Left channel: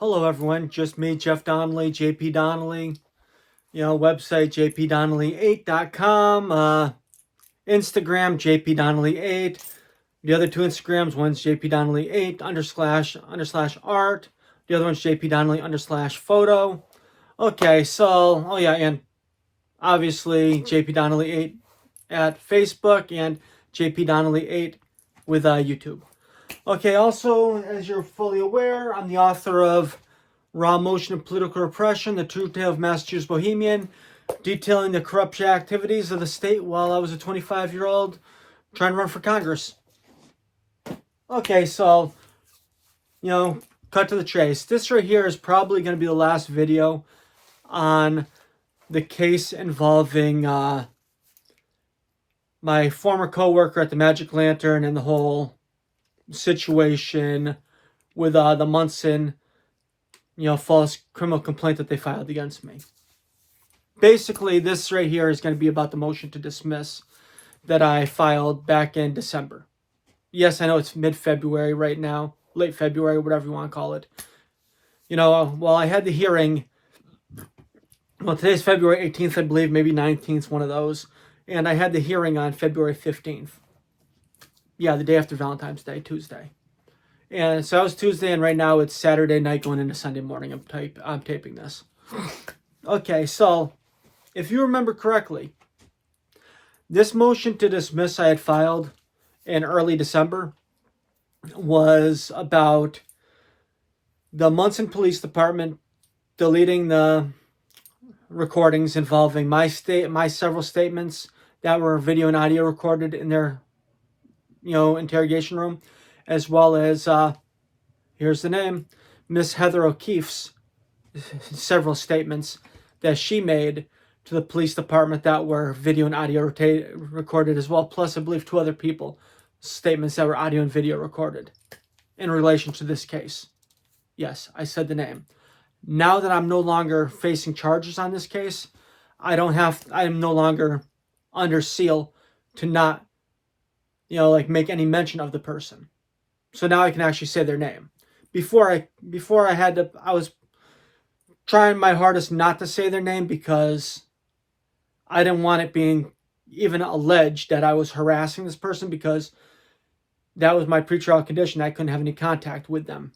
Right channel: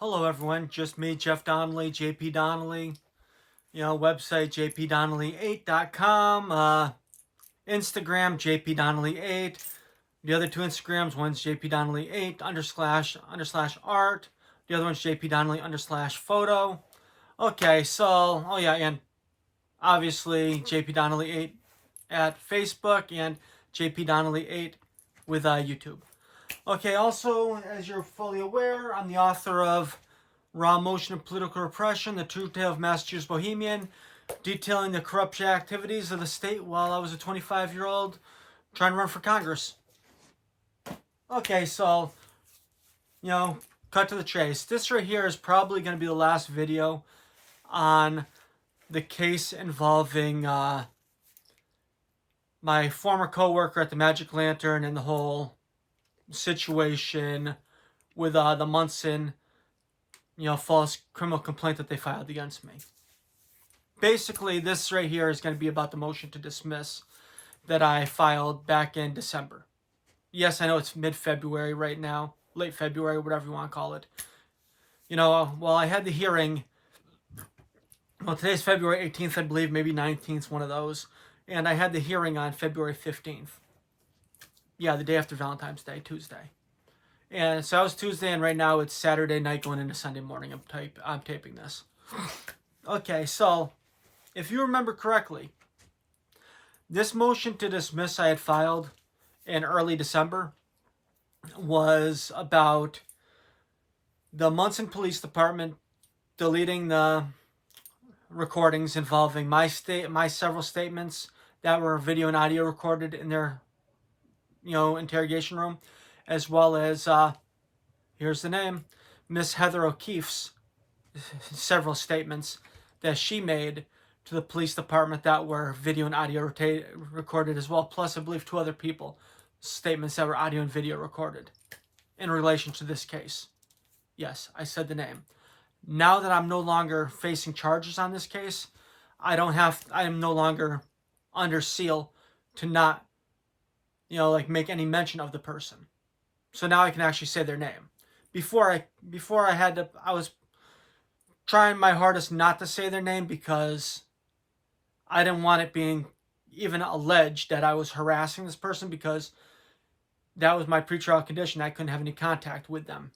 Hello everyone, just me, Jeff Donnelly, JP Donnelly, website jpdonnelly8.com, Instagram jpdonnelly8, the other two Instagrams, one's jpdonnelly8 underslash art, the other one's jpdonnelly underslash photo. Okay, so, and obviously jpdonnelly8 at Facebook and jpdonnelly8 with YouTube. Okay, also, as you're fully aware, I'm the author of Raw Motion of Political Repression, The True Tale of Massachusetts Bohemian, detailing the corrupt activities of the state while I was a 25-year-old trying to run for Congress. Okay, so, cut to the chase. This right here is probably going to be the last video on the case involving my former co-worker at the Magic Lantern and the whole situation with the Munson, false criminal complaint that they filed against me. Basically, this right here is going to be about the motion to dismiss that I filed back in December. Yes, I know it's mid-February right now, late February, whatever you want to call it. Well, I had the hearing. Well, today's February 18th, I believe, maybe 19th, one of those. And I had the hearing on February 15th. Yeah, the day after Valentine's Day, Tuesday. And so that was Tuesday, and right now it's Saturday night going into Sunday morning. I'm taping this. Okay, so if you remember correctly, this motion to dismiss I had filed in early December was about the Munson Police Department deleting the recordings involving my several statements that were video and audio recorded in their interrogation room, as well as here's the name, Miss Heather O'Keefe's several statements that she made to the police department that were video and audio recorded as well, plus I believe two other people statements that were audio and video recorded in relation to this case. Yes, I said the name. Now that I'm no longer facing charges on this case, I am no longer under seal to not make any mention of the person. So now I can actually say their name. Before I was trying my hardest not to say their name because I didn't want it being even alleged that I was harassing this person, because that was my pretrial condition. I couldn't have any contact with them.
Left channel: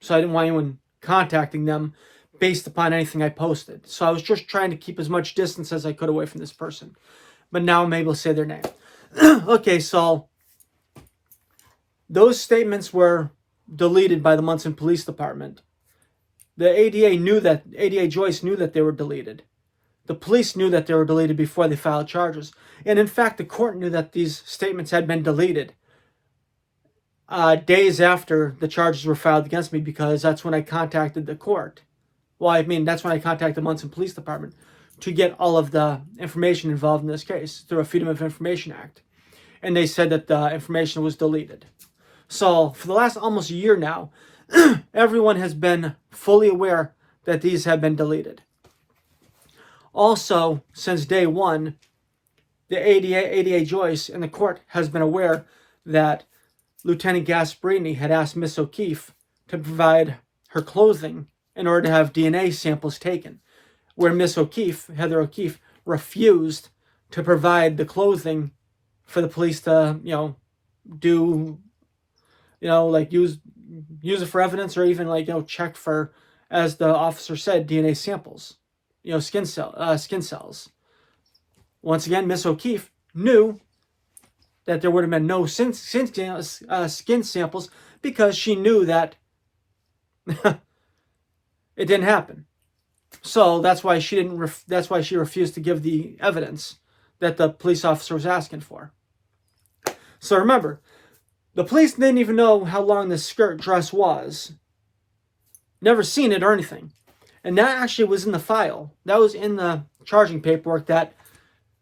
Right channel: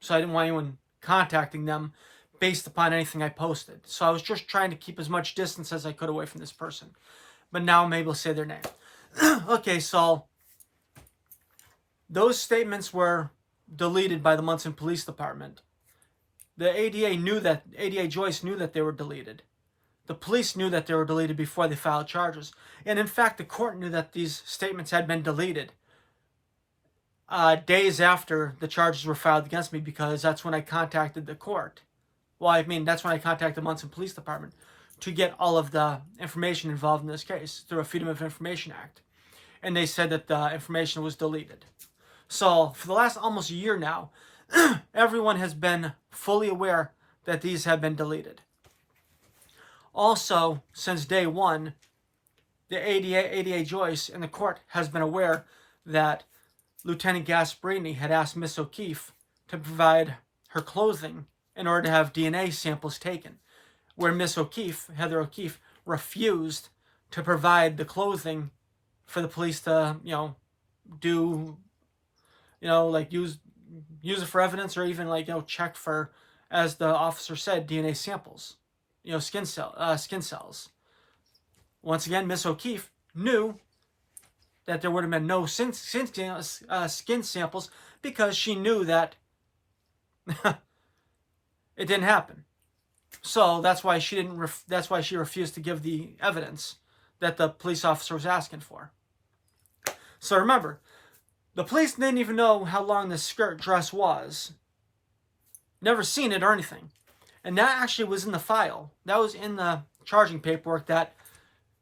So I didn't want anyone contacting them based upon anything I posted. So I was just trying to keep as much distance as I could away from this person. But now I'm able to say their name. Okay, so those statements were deleted by the Munson Police Department. The ADA Joyce knew that they were deleted. The police knew that they were deleted before they filed charges. And in fact, the court knew that these statements had been deleted days after the charges were filed against me, because that's when I contacted the court. Well, I mean, that's when I contacted the Munson Police Department to get all of the information involved in this case through a Freedom of Information Act. And they said that the information was deleted. So for the last almost a year now, everyone has been fully aware that these have been deleted. Also, since day one, the ADA Joyce in the court has been aware that Lieutenant Gasparini had asked Miss O'Keefe to provide her clothing in order to have DNA samples taken, where Miss O'Keefe, Heather O'Keefe, refused to provide the clothing for the police to, do, use it for evidence, or even check for, as the officer said, DNA samples, skin cells. Once again, Miss O'Keefe knew that there would have been no skin samples, because she knew that it didn't happen. So that's why she refused to give the evidence that the police officer was asking for. So remember, the police didn't even know how long this skirt dress was. Never seen it or anything. And that actually was in the file. That was in the charging paperwork, that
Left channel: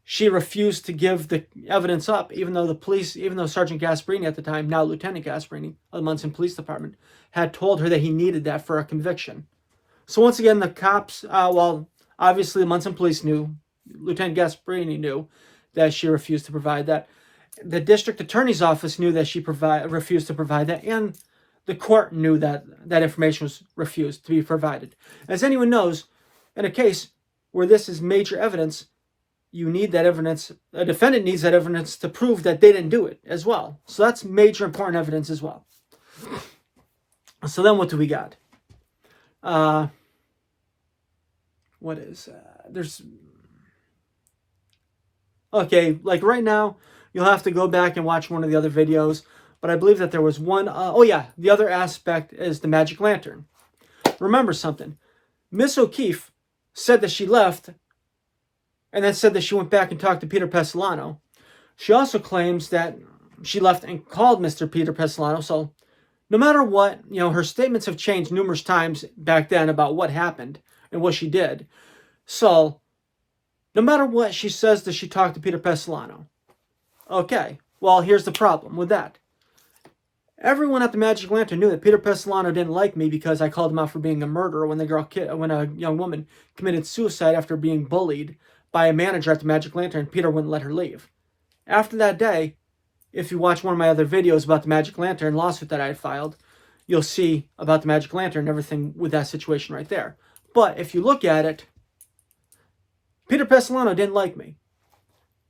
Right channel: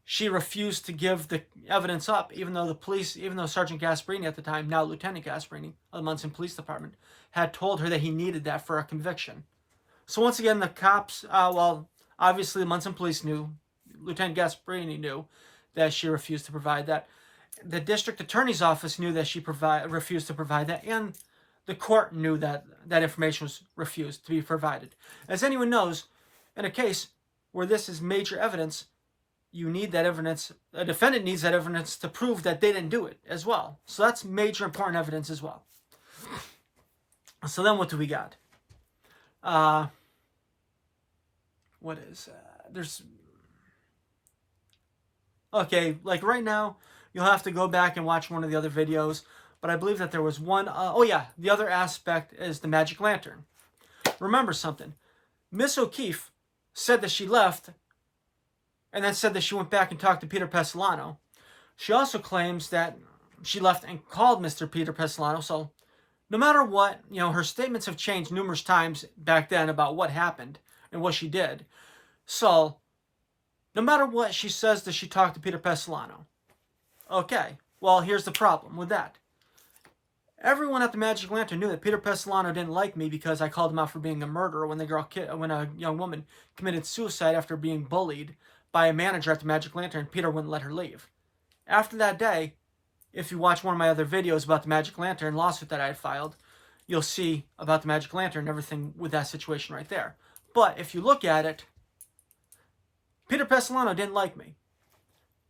she refused to give the evidence up, even though Sergeant Gasparini at the time, now Lieutenant Gasparini of the Munson Police Department, had told her that he needed that for a conviction. So once again, the cops, obviously the Munson Police knew, Lieutenant Gasparini knew that she refused to provide that. The district attorney's office knew that she refused to provide that, and the court knew that that information was refused to be provided. As anyone knows, in a case where this is major evidence, you need that evidence. A defendant needs that evidence to prove that they didn't do it as well. So that's major important evidence as well. So then what do we got? What is there's okay, like right now you'll have to go back and watch one of the other videos, but I believe that there was one oh yeah, the other aspect is the magic lantern. Remember something. Miss O'Keefe said that she left and then said that she went back and talked to Peter Pestilano. She also claims that she left and called Mr. Peter Pestilano. So no matter what, her statements have changed numerous times back then about what happened and what she did. So no matter what, she says that she talked to Peter Pestilano. Okay, well, here's the problem with that. Everyone at the Magic Lantern knew that Peter Pestilano didn't like me because I called him out for being a murderer when a young woman committed suicide after being bullied by a manager at the Magic Lantern. Peter wouldn't let her leave. After that day, if you watch one of my other videos about the Magic Lantern lawsuit that I had filed, you'll see about the Magic Lantern and everything with that situation right there. But if you look at it, Peter Pestilano didn't like me.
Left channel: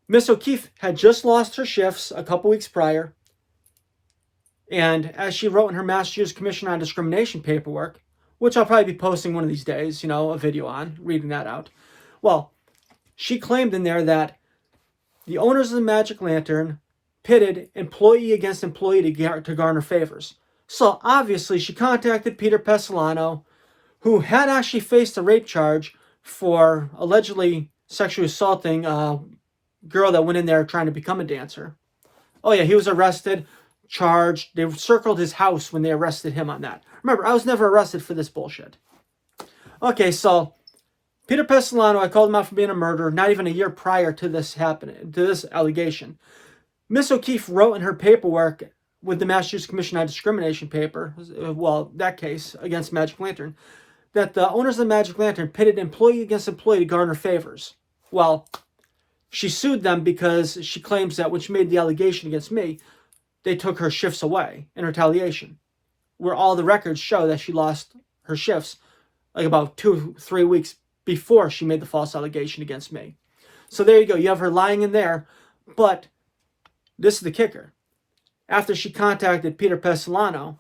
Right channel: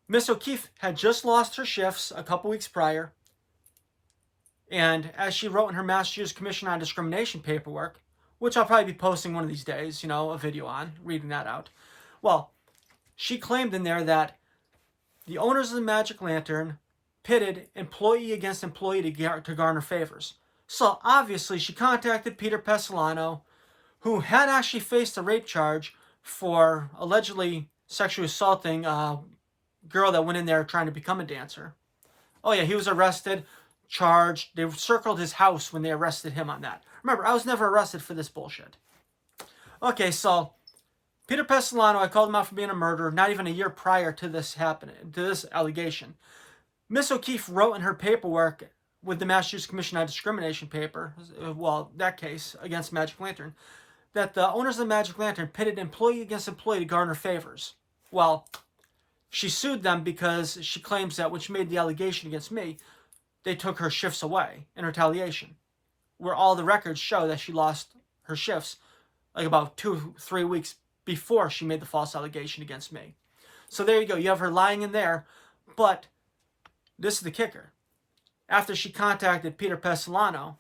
Miss O'Keefe had just lost her shifts a couple weeks prior, and as she wrote in her Massachusetts Commission on Discrimination paperwork, which I'll probably be posting one of these days, a video on, reading that out. Well, she claimed in there that the owners of the Magic Lantern pitted employee against employee to garner favors. So obviously she contacted Peter Pestilano, who had actually faced a rape charge for allegedly sexually assaulting a girl that went in there trying to become a dancer. Oh yeah, he was arrested, charged. They circled his house when they arrested him on that. Remember, I was never arrested for this bullshit. Okay, so Peter Pestilano, I called him out for being a murderer not even a year prior to this happening, to this allegation. Miss O'Keefe wrote in her paperwork with the Massachusetts Commission on Discrimination paper, well, that case against Magic Lantern, that the owners of the Magic Lantern pitted employee against employee to garner favors. Well, she sued them because she claims that when she made the allegation against me, they took her shifts away in retaliation, where all the records show that she lost her shifts like about 2-3 weeks before she made the false allegation against me. So there you go. You have her lying in there, but this is the kicker. After she contacted Peter Pestilano,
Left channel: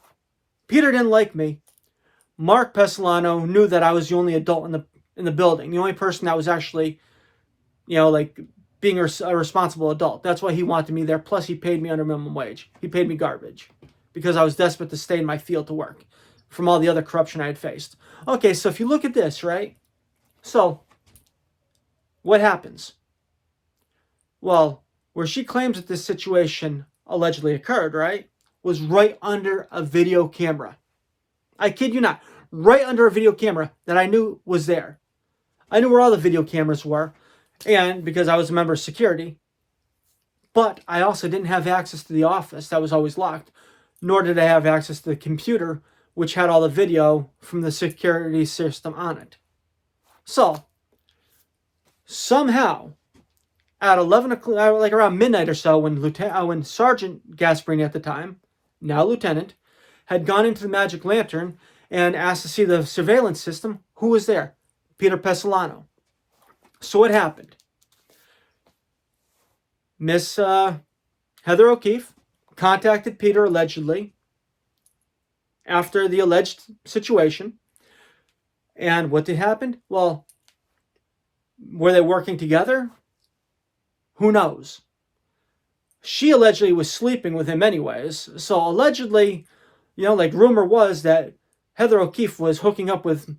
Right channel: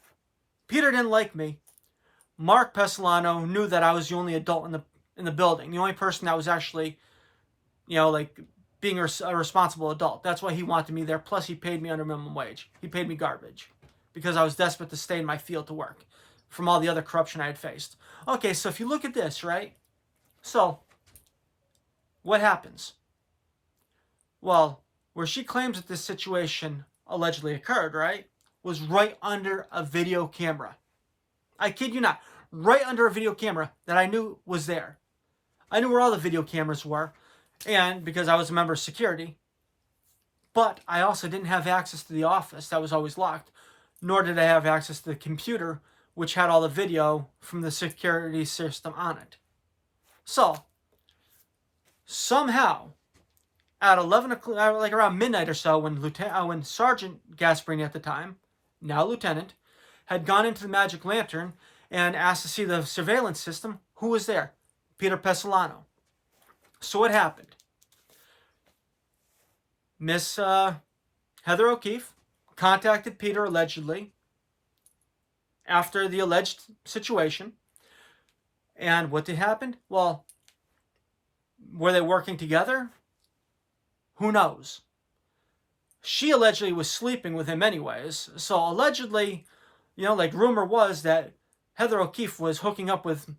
Peter didn't like me. Mark Pestilano knew that I was the only adult in the building, the only person that was actually, being a responsible adult. That's why he wanted me there. Plus, he paid me under minimum wage. He paid me garbage because I was desperate to stay in my field to work from all the other corruption I had faced. Okay, so if you look at this, right? So, what happens? Well, where she claims that this situation allegedly occurred, right, was right under a video camera. I kid you not. Right under a video camera that I knew was there. I knew where all the video cameras were, and because I was a member of security, but I also didn't have access to the office that was always locked, nor did I have access to the computer, which had all the video from the security system on it. So, somehow, at 11 o'clock, like around midnight or so, when Sergeant Gasparini at the time, now Lieutenant, had gone into the Magic Lantern and asked to see the surveillance system, who was there? Peter Pestilano. So what happened? Miss Heather O'Keefe contacted Peter allegedly after the alleged situation. And what did happen? Well, were they working together? Who knows? She allegedly was sleeping with him anyways. So allegedly, rumor was that Heather O'Keefe was hooking up with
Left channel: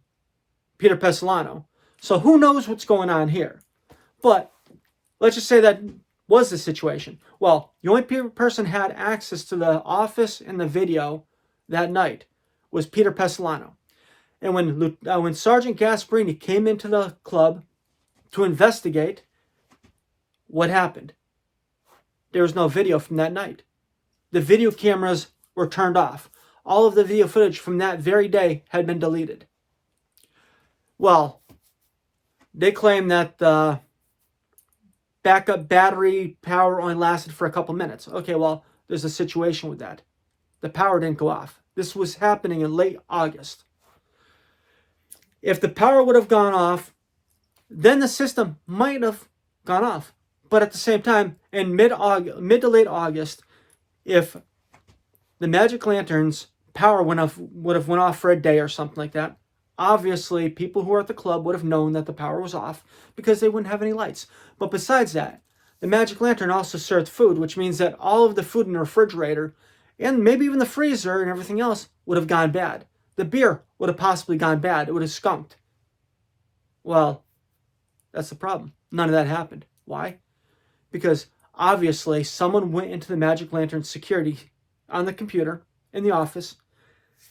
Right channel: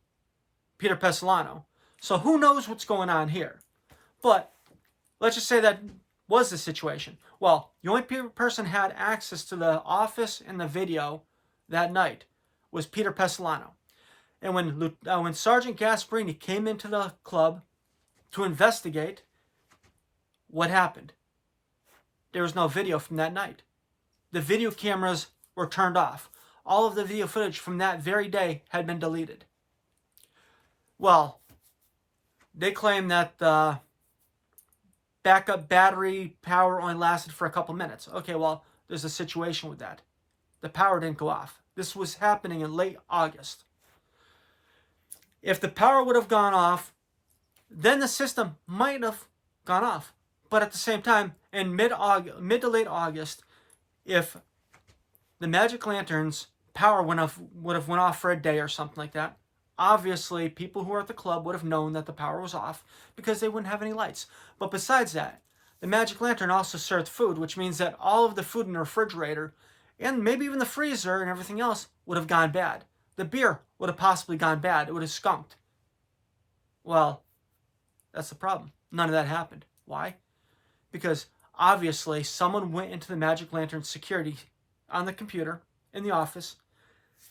Peter Pestilano. So who knows what's going on here? But let's just say that was the situation. Well, the only person had access to the office and the video that night was Peter Pestilano. And when Sergeant Gasparini came into the club to investigate, what happened? There was no video from that night. The video cameras were turned off. All of the video footage from that very day had been deleted. Well, they claim that the backup battery power only lasted for a couple minutes. Okay, well, there's a situation with that. The power didn't go off. This was happening in late August. If the power would have gone off, then the system might have gone off. But at the same time, in mid to late August, if the magic lanterns power would have went off for a day or something like that, obviously people who were at the club would have known that the power was off because they wouldn't have any lights. But besides that, the magic lantern also served food, which means that all of the food in the refrigerator and maybe even the freezer and everything else would have gone bad. The beer would have possibly gone bad. It would have skunked. Well, that's the problem. None of that happened. Why? Because obviously someone went into the magic lantern security on the computer in the office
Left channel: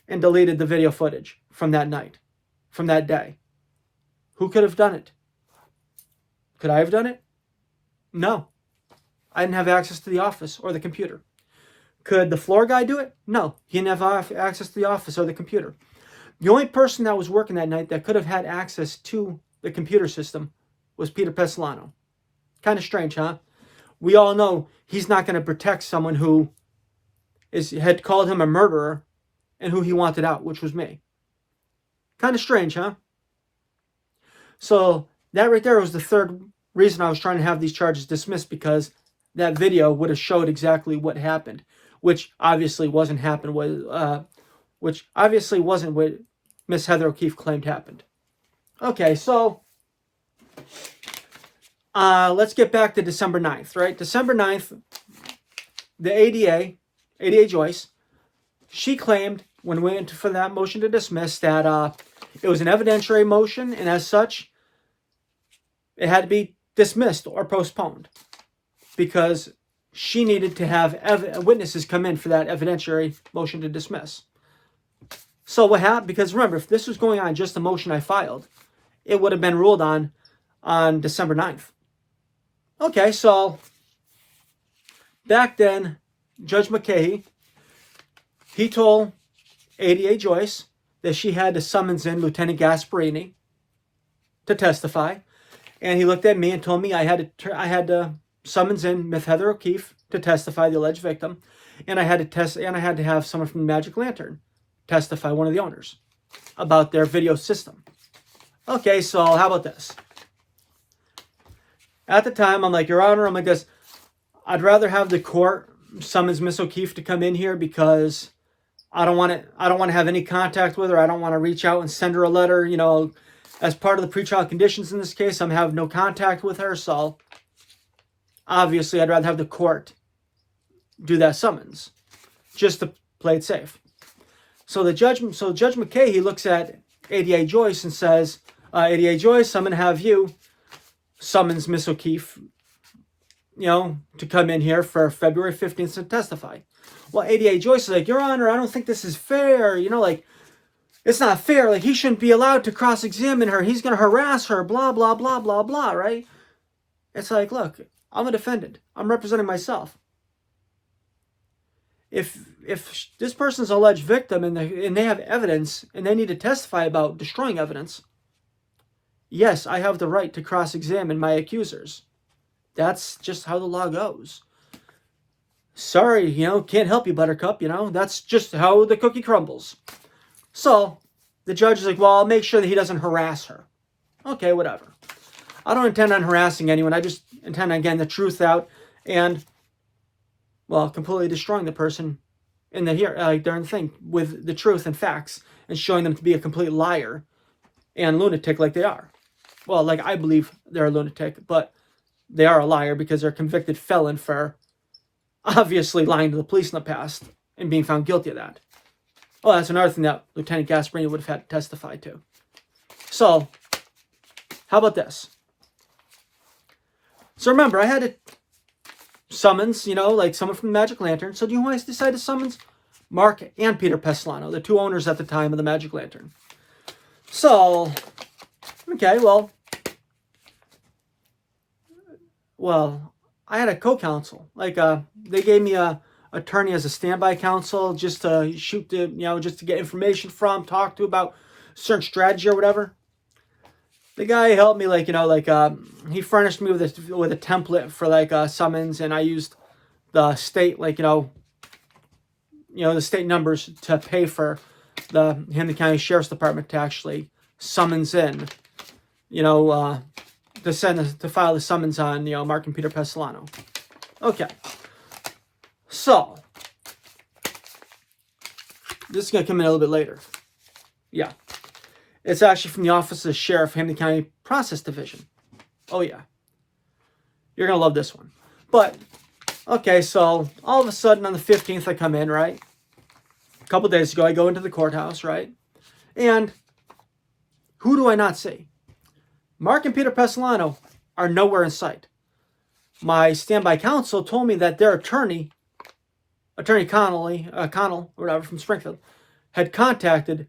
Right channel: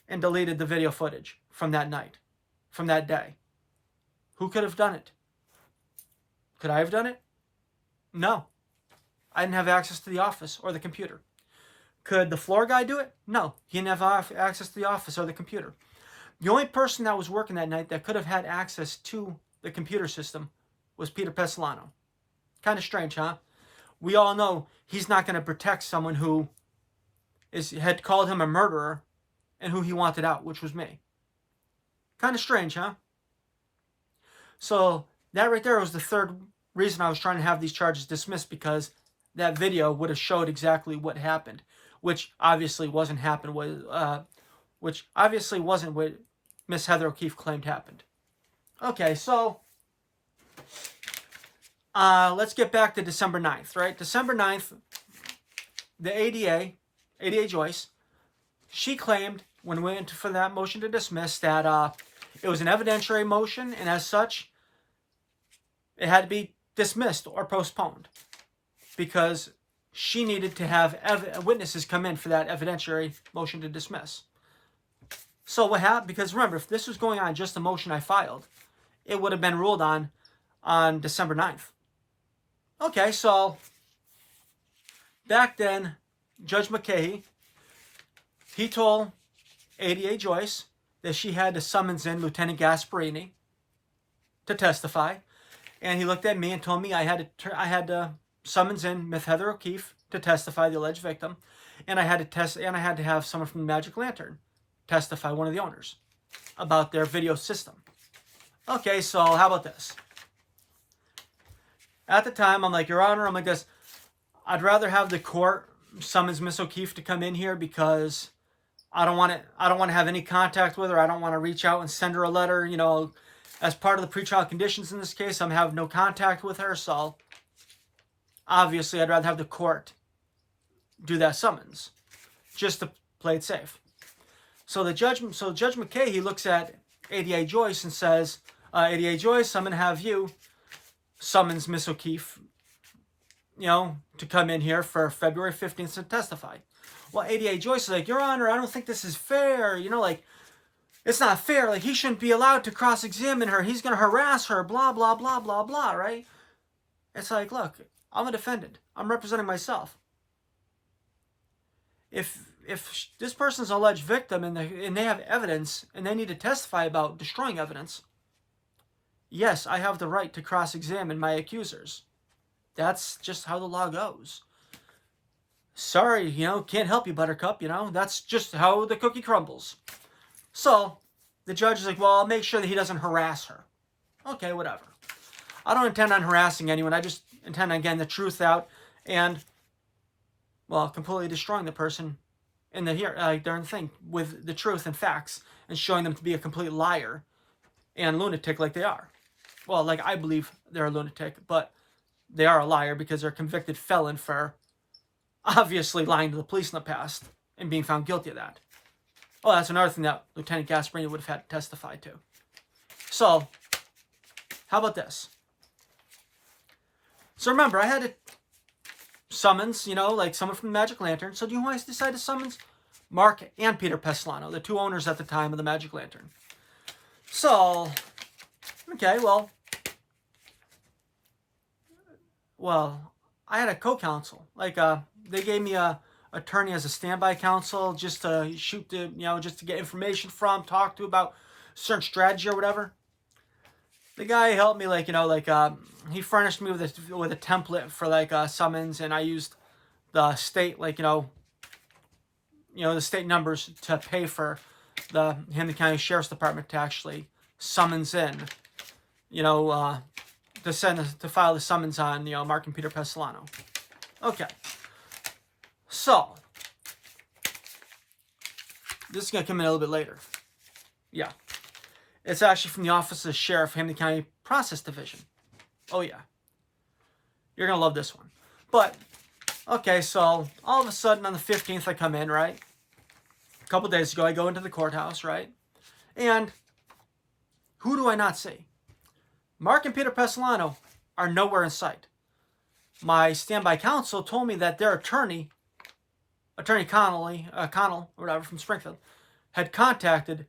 and deleted the video footage from that night, from that day. Who could have done it? Could I have done it? No. I didn't have access to the office or the computer. Could the floor guy do it? No. He didn't have access to the office or the computer. The only person that was working that night that could have had access to the computer system was Peter Pessolano. Kind of strange, huh? We all know he's not going to protect someone who had called him a murderer and who he wanted out, which was me. Kind of strange, huh? So that right there was the third reason I was trying to have these charges dismissed, because that video would have showed exactly what happened, which obviously wasn't what Miss Heather O'Keefe claimed happened. Okay, so let's get back to December 9th, right? December 9th, the ADA Joyce, she claimed when we went for that motion to dismiss that it was an evidentiary motion, and as such, it had to be dismissed or postponed because she needed to have witnesses come in for that evidentiary motion to dismiss. So what happened? Because remember, if this was going on just the motion I filed, it would have been ruled on December 9th. Okay, so back then, Judge McKay, he told ADA Joyce that she had to summons in Lieutenant Gasparini to testify, and he looked at me and told me I had to summons in Miss Heather O'Keefe to testify, the alleged victim, and I had to have someone from the Magic Lantern testify, one of the owners, about their video system. Okay, so how about this? At the time, I'm like, Your Honor, I'm like this, I'd rather have the court summons Miss O'Keefe to come in here because I don't want to have any contact with her. I don't want to reach out and send her a letter. You know, as part of the pretrial conditions in this case, I'm having no contact with her. So obviously, I'd rather have the court do that summons just to play it safe. So Judge McKay, he looks at ADA Joyce and says, ADA Joyce, I'm going to have you summons Miss O'Keefe, you know, to come in here for February 15th to testify. Well, ADA Joyce is like, Your Honor, I don't think this is fair. You know, like, it's not fair. Like, he shouldn't be allowed to cross-examine her. He's going to harass her, blah, blah, blah, blah, blah, right? It's like, look, I'm a defendant. I'm representing myself. If this person's an alleged victim and they have evidence and they need to testify about destroying evidence, yes, I have the right to cross-examine my accusers. That's just how the law goes. Sorry, you know, can't help you, Buttercup, you know. That's just how the cookie crumbles. So, the judge is like, well, I'll make sure that he doesn't harass her. Okay, whatever. I don't intend on harassing anyone. I just intend on getting the truth out and, well, completely destroying the person in the during the thing with the truth and facts and showing them to be a complete liar and lunatic like they are. Well, like I believe they're a lunatic, but they are a liar because they're a convicted felon for obviously lying to the police in the past and being found guilty of that. Oh, that's another thing that Lieutenant Gasparini would have had to testify to. So, how about this? So remember, I had to summons, you know, like someone from the Magic Lantern. So do you know who I decided to summons? Mark and Peter Pessolano, the two owners at the time of the Magic Lantern. So, okay, well, I had a co-counsel. Like, they gave me a attorney as a standby counsel just to just to get information from, talk to about certain strategy or whatever. The guy helped me, he furnished me with a template for summons, and I used the state the state numbers to pay for the Hampden County Sheriff's Department to actually summons in, to file the summons on, Mark and Peter Pestilano. Okay. So, this is going to come in a little bit later. Yeah. It's actually from the Office of the Sheriff, Hampden County Process Division. Oh, yeah. You're going to love this one. But, okay, so all of a sudden on the 15th I come in, right? A couple days ago I go into the courthouse, right? And who do I not see? Mark and Peter Pestilano are nowhere in sight. My standby counsel told me that their attorney Connell, or whatever, from Springfield, had contacted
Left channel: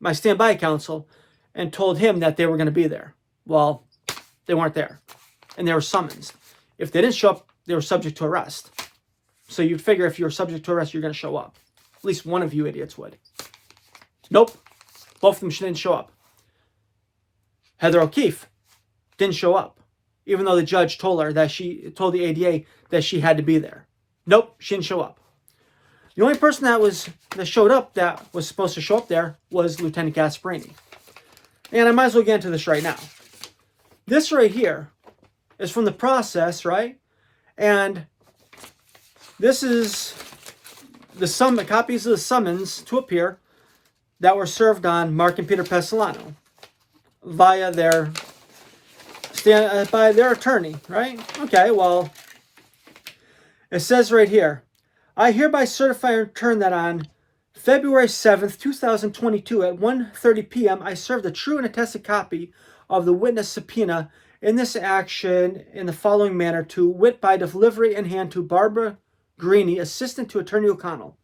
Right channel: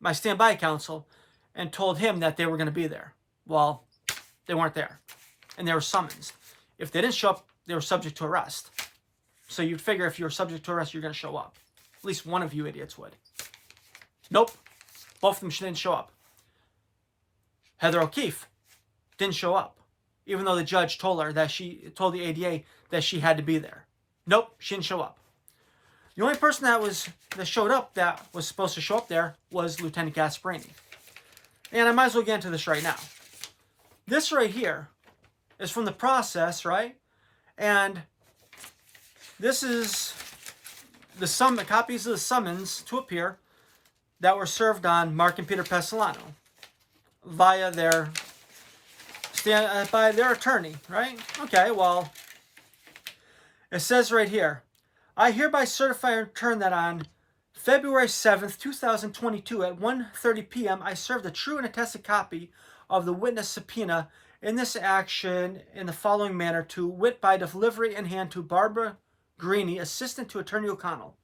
my standby counsel and told him that they were going to be there. Well, they weren't there. And they were summoned. If they didn't show up, they were subject to arrest. So you'd figure if you were subject to arrest, you're going to show up. At least one of you idiots would. Nope. Both of them didn't show up. Heather O'Keefe didn't show up, even though the judge told the ADA that she had to be there. Nope, she didn't show up. The only person that showed up that was supposed to show up there was Lieutenant Gasparini. And I might as well get into this right now. This right here is from the process, right? And this is the copies of the summons to appear that were served on Mark and Peter Pestilano by their attorney, right? Okay, well, it says right here, I hereby certify and return that on February 7th, 2022 at 1:30 p.m. I served a true and attested copy of the witness subpoena in this action in the following manner to wit by delivery in hand to Barbara Greeny, assistant to Attorney O'Connell.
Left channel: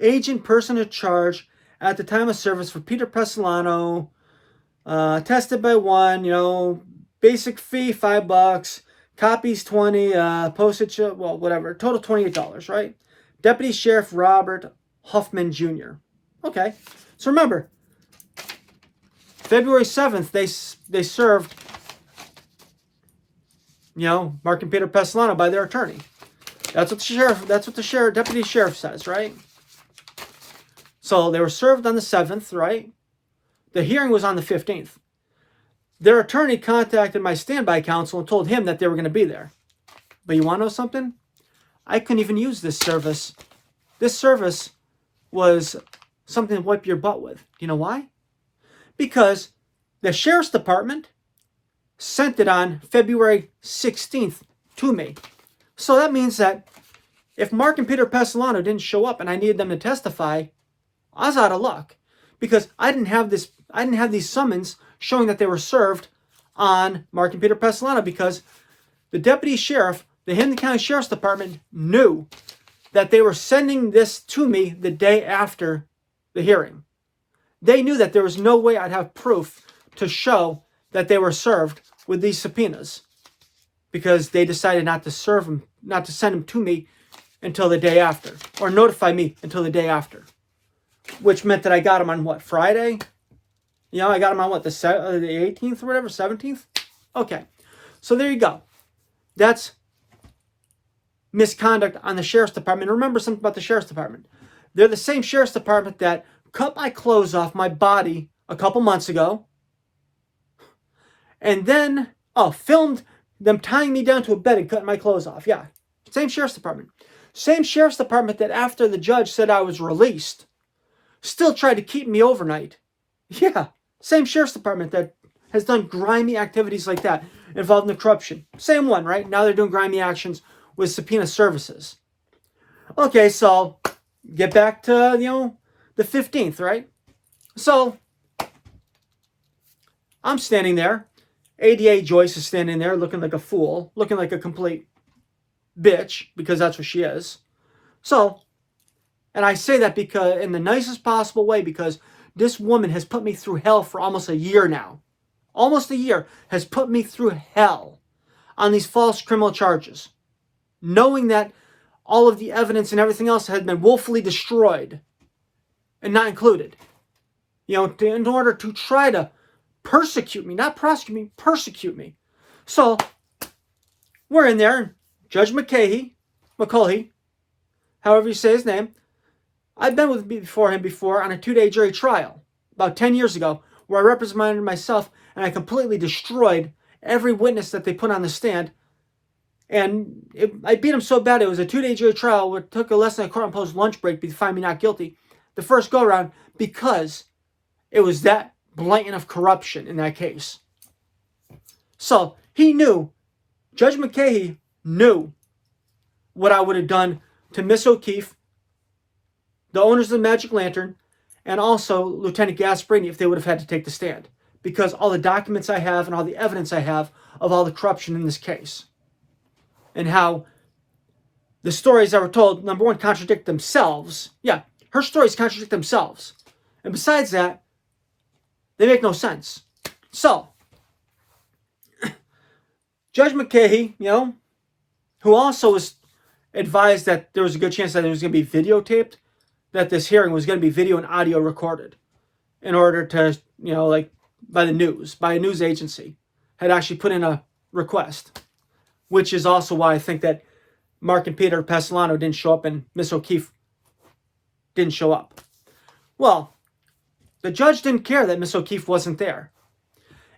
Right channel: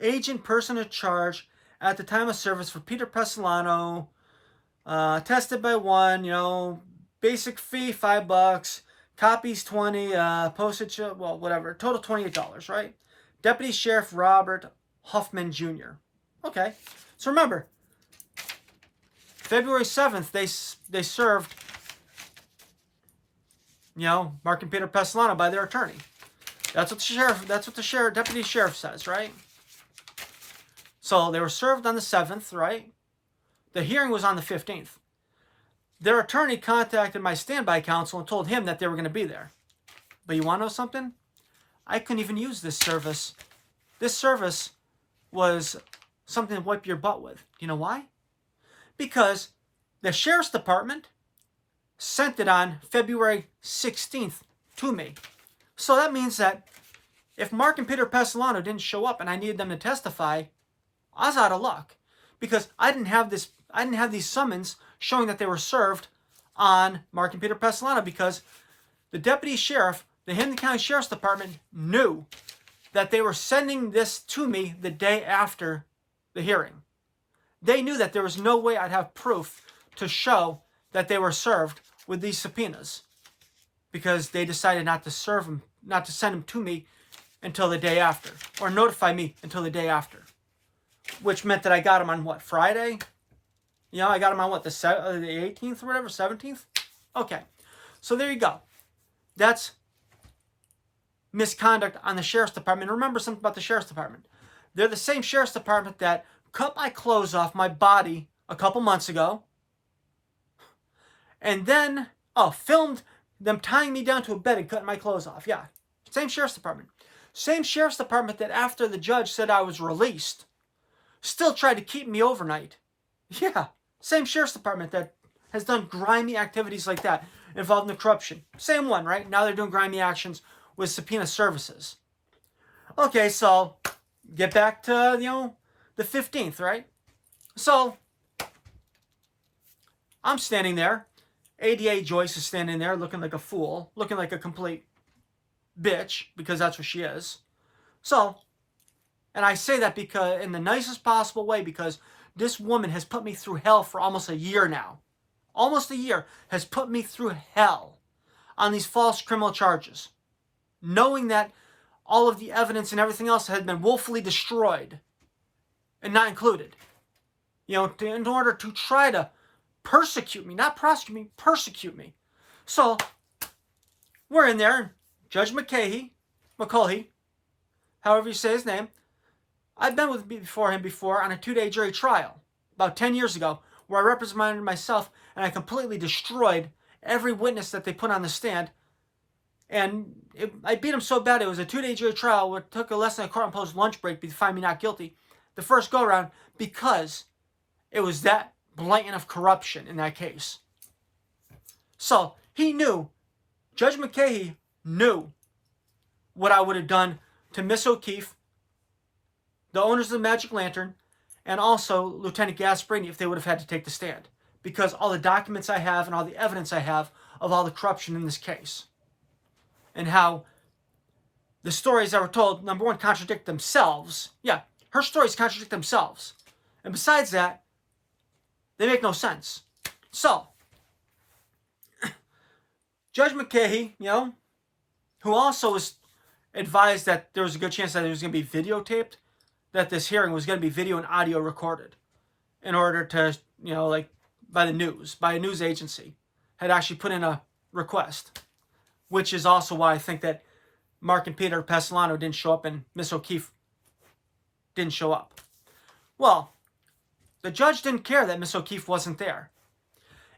Agent person in charge at the time of service for Peter Pestilano, tested by one, basic fee $5, copies $20, postage, whatever, total $28, right? Deputy Sheriff Robert Huffman Jr. Okay, so remember, February 7th, they served, Mark and Peter Pestilano by their attorney. That's what the deputy sheriff says, right? So they were served on the 7th, right? The hearing was on the 15th. Their attorney contacted my standby counsel and told him that they were going to be there. But you want to know something? I couldn't even use this service. This service was something to wipe your butt with. You know why? Because the sheriff's department sent it on February 16th to me. So that means that if Mark and Peter Pestilano didn't show up and I needed them to testify, I was out of luck. Because I didn't have these summons showing that they were served on Mark and Peter Pestilano, because the deputy sheriff, the Hampden County Sheriff's Department, knew that they were sending this to me the day after the hearing. They knew that there was no way I'd have proof to show that they were served with these subpoenas, because they decided not to send them to me until the day after, or notify me until the day after, which meant that I got them on Friday? I got them on the 18th or whatever, 17th? Okay, so there you go. That's misconduct on the Sheriff's Department. Remember something about the Sheriff's Department. They're the same Sheriff's Department that cut my clothes off my body a couple months ago, and then, filmed them tying me down to a bed and cutting my clothes off. Yeah, same Sheriff's Department. Same Sheriff's Department that after the judge said I was released, still tried to keep me overnight. Yeah, same Sheriff's Department that has done grimy activities like that involved in the corruption. Same one, right? Now they're doing grimy actions with subpoena services. Okay, so get back to, the 15th, right? So I'm standing there. ADA Joyce is standing there looking like a fool, looking like a complete bitch, because that's what she is. So, and I say that because in the nicest possible way, because this woman has put me through hell for almost a year now. Almost a year has put me through hell on these false criminal charges, knowing that all of the evidence and everything else had been willfully destroyed and not included. In order to try to persecute me, not prosecute me, persecute me. So we're in there. Judge McCulhey however you say his name, I've been with before him before on a 2-day jury trial about 10 years ago where I represented myself and I completely destroyed every witness that they put on the stand. And I beat him so bad, it was a 2-day jury trial where it took less than a court-imposed lunch break to find me not guilty the first go-around because it was that blatant of corruption in that case. So he knew, Judge McCahey knew what I would have done to Miss O'Keefe, the owners of the Magic Lantern, and also Lieutenant Gasparini if they would have had to take the stand. Because all the documents I have and all the evidence I have of all the corruption in this case. And how the stories that were told, number one, contradict themselves. Yeah, her stories contradict themselves. And besides that, they make no sense. So, Judge McCahey, who also was advised that there was a good chance that it was going to be videotaped, that this hearing was going to be video and audio recorded in order to, by the news, by a news agency, had actually put in a request, which is also why I think that Mark and Peter Pasolano didn't show up and Miss O'Keefe didn't show up. Well, the judge didn't care that Miss O'Keefe wasn't there.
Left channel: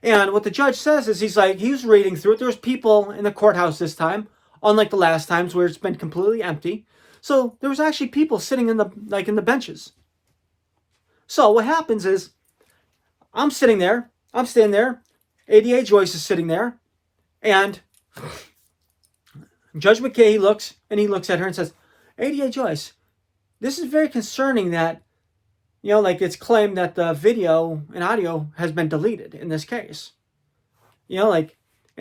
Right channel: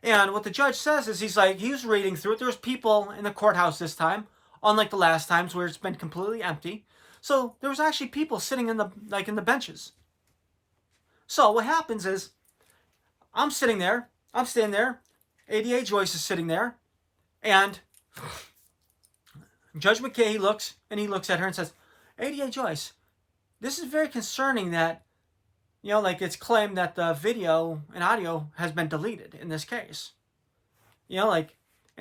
And what the judge says is he was reading through it. There was people in the courthouse this time, unlike the last times where it's been completely empty. So there was actually people sitting in the benches. So what happens is I'm standing there, ADA Joyce is sitting there, and Judge McKay looks at her and says, ADA Joyce, this is very concerning that, it's claimed that the video and audio has been deleted in this case. And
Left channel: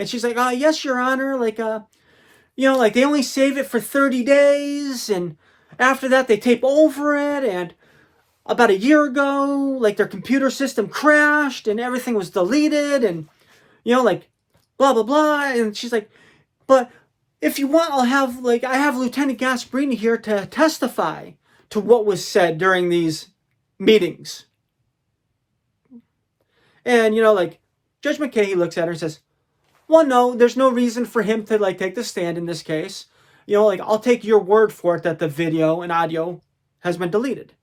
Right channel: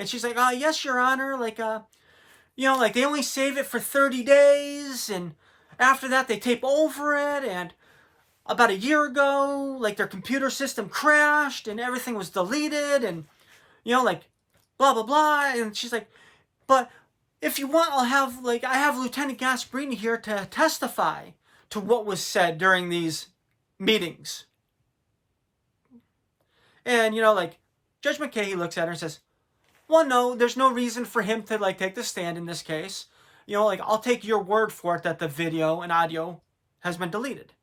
she's like, oh, yes, Your Honor, they only save it for 30 days, and after that they tape over it, and about a year ago, their computer system crashed, and everything was deleted, and, blah, blah, blah, and she's like, but if you want, I have Lieutenant Gasparini here to testify to what was said during these meetings. And, Judge McKay, looks at her and says, well, no, there's no reason for him to, take the stand in this case. I'll take your word for it that the video and audio has been deleted.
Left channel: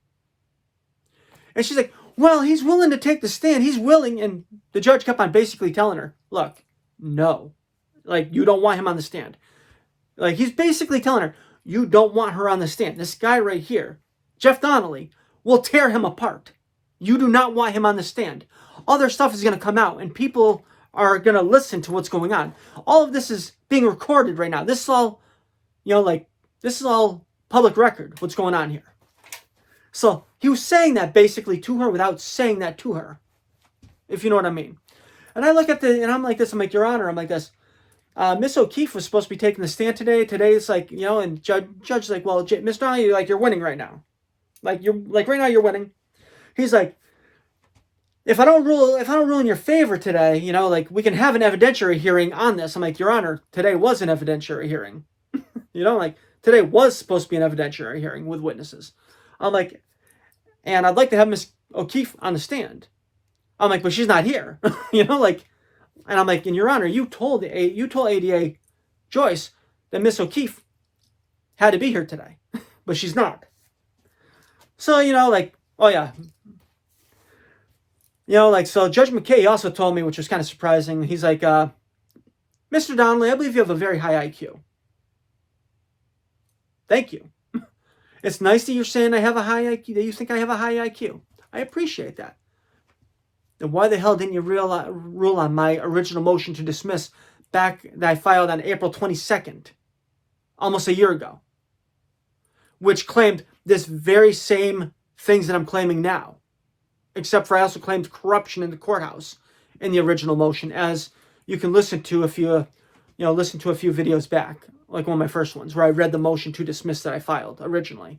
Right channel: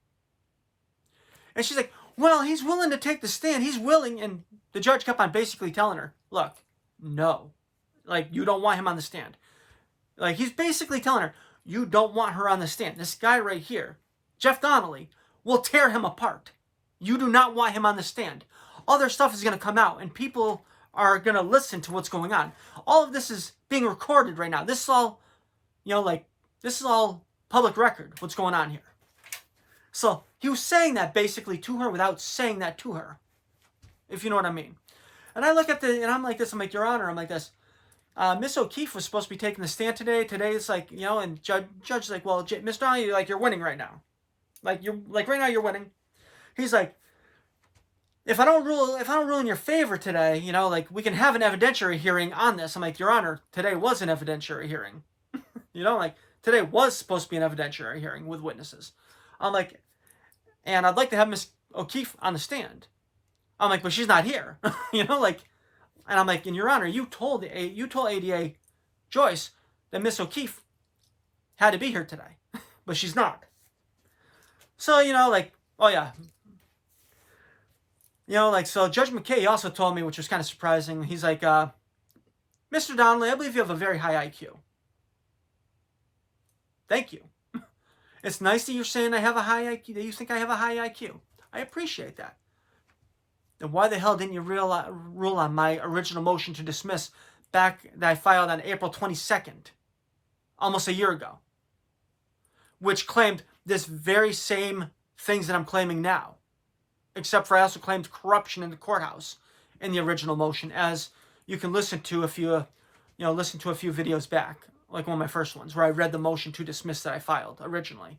And she's like, well, he's willing to take the stand. He's willing. And the judge kept on basically telling her, look, no. You don't want him on the stand. He's basically telling her, you don't want her on the stand. This guy right here, Jeff Donnelly, will tear him apart. You do not want him on the stand. Other stuff is going to come out, and people are going to listen to what's going on. All of this is being recorded right now. This is all, this is all public record, what's going on here. So he was saying that basically to her without saying that to her, if you know what I mean. And I look at and I'm like this, I'm like, Your Honor, I'm like this. Miss O'Keefe was supposed to be taking the stand today. Today it's and judge's like, well, Miss Donnelly, you're winning right now. Right now you're winning. He's like, if I don't rule in your favor today, we can have an evidentiary hearing on this. I'm like, Your Honor, today was an evidentiary hearing. Today was supposed to be an evidentiary hearing with witnesses. I'm like, and I'd like to have Miss O'Keefe on the stand. I'm like, but she's not here. And I'm like, and Your Honor, you told ADA Joyce that Miss O'Keefe had to be here today, but she's not. So, oh yeah. So Judge McKay also told me, which was kind of surprising, he's like, Mr. Donnelly, I believe you have a very high IQ. Thank you. It's nice that you're saying I have a high IQ, that you think I have a high IQ. I appreciate that. Then why the hell didn't you rule on my original motion to dismiss that I filed on April 22nd, almost a year ago, which claimed this very same things that I'm claiming now, except for I also claimed corruption in the courthouse in the original motion, as you can listen to a few videos back, like one of my first ones, where I read the motion to dismiss that I filed originally.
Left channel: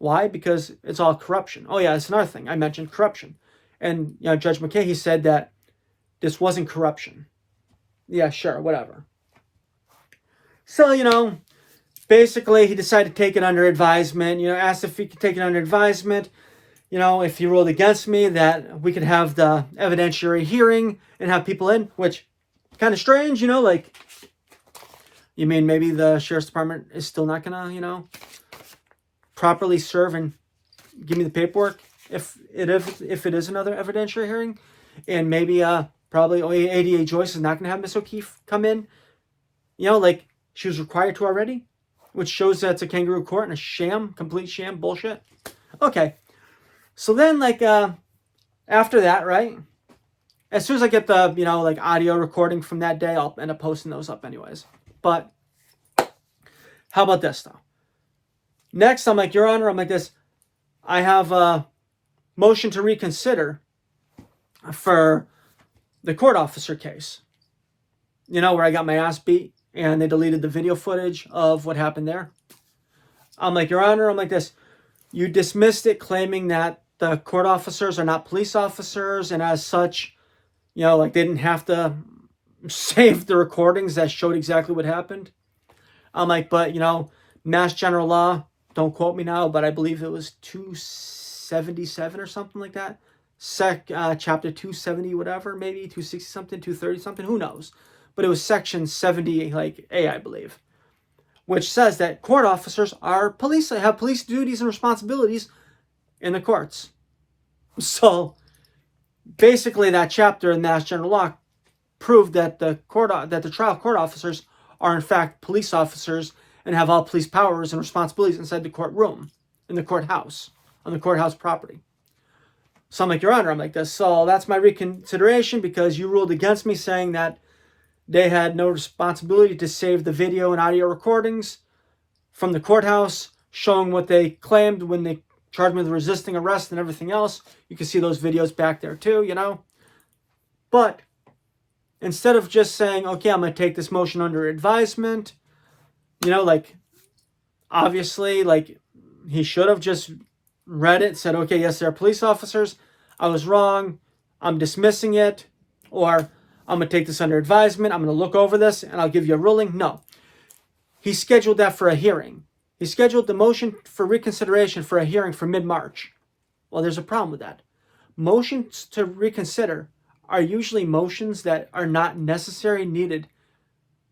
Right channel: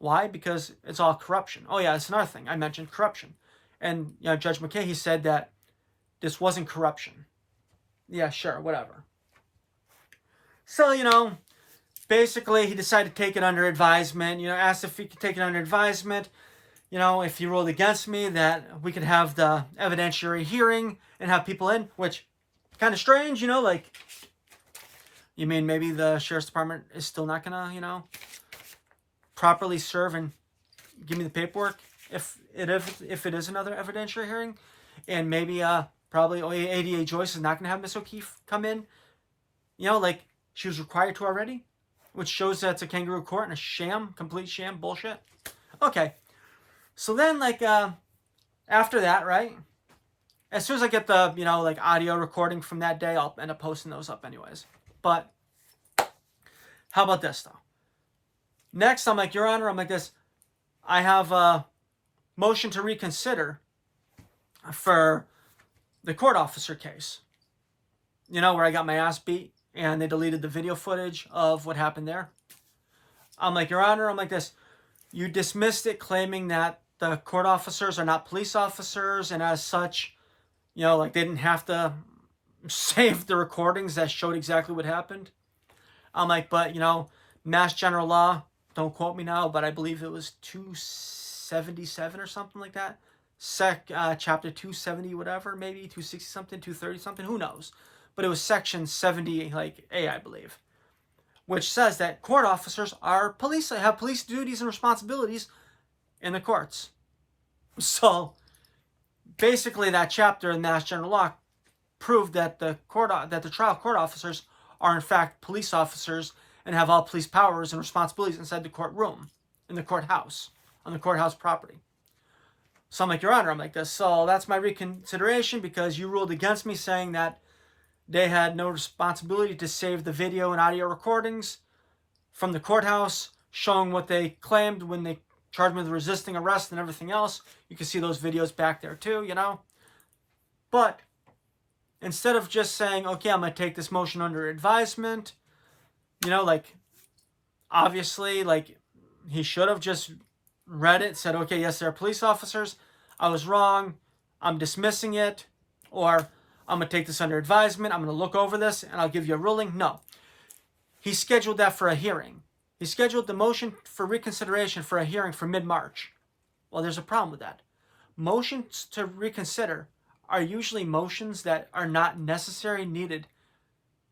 Why? Because it's all corruption. Oh yeah, that's another thing. I mentioned corruption. And, Judge McKay, he said that this wasn't corruption. Yeah, sure, whatever. So, basically he decided to take it under advisement, asked if he could take it under advisement, if he ruled against me, that we could have the evidentiary hearing and have people in, which kind of strange, You mean maybe the sheriff's department is still not gonna, properly serve and give me the paperwork if it is another evidentiary hearing, and maybe probably ADA Joyce is not gonna have Miss O'Keefe come in, like she was required to already, which shows that it's a kangaroo court and a sham, complete sham bullshit. Okay, so then after that, right? As soon as I get the audio recording from that day, I'll end up posting those up anyways. But how about this though? Next, I'm like, Your Honor, I'm like this. I have a motion to reconsider for the court officer case. Where I got my ass beat and they deleted the video footage of what happened there. I'm like, Your Honor, I'm like this. You dismissed it claiming that the court officers are not police officers, and as such, they didn't have to save the recordings that showed exactly what happened. I'm like, but, Mass General Law, don't quote me now, but I believe it was 277 or something like that. Chapter 270, whatever, maybe 260 something, 230 something, who knows? But it was section 70, A, I believe, which says that court officers are police, have police duties and responsibilities in the courts. So basically that chapter in Mass General Law proved that the trial court officers are in fact police officers and have all police powers and responsibilities inside the courtroom, in the courthouse, on the courthouse property. So I'm like, Your Honor, I'm like this. So that's my reconsideration because you ruled against me saying that they had no responsibility to save the video and audio recordings from the courthouse showing what they claimed when they charged me with resisting arrest and everything else. You can see those videos back there too, But instead of just saying, okay, I'm going to take this motion under advisement, obviously, he should have just read it, said, okay, yes, they're police officers. I was wrong. I'm dismissing it. Or I'm going to take this under advisement. I'm going to look over this and I'll give you a ruling. No. He scheduled that for a hearing. He scheduled the motion for reconsideration for a hearing for mid-March. Well, there's a problem with that. Motions to reconsider are usually motions that are not necessarily needed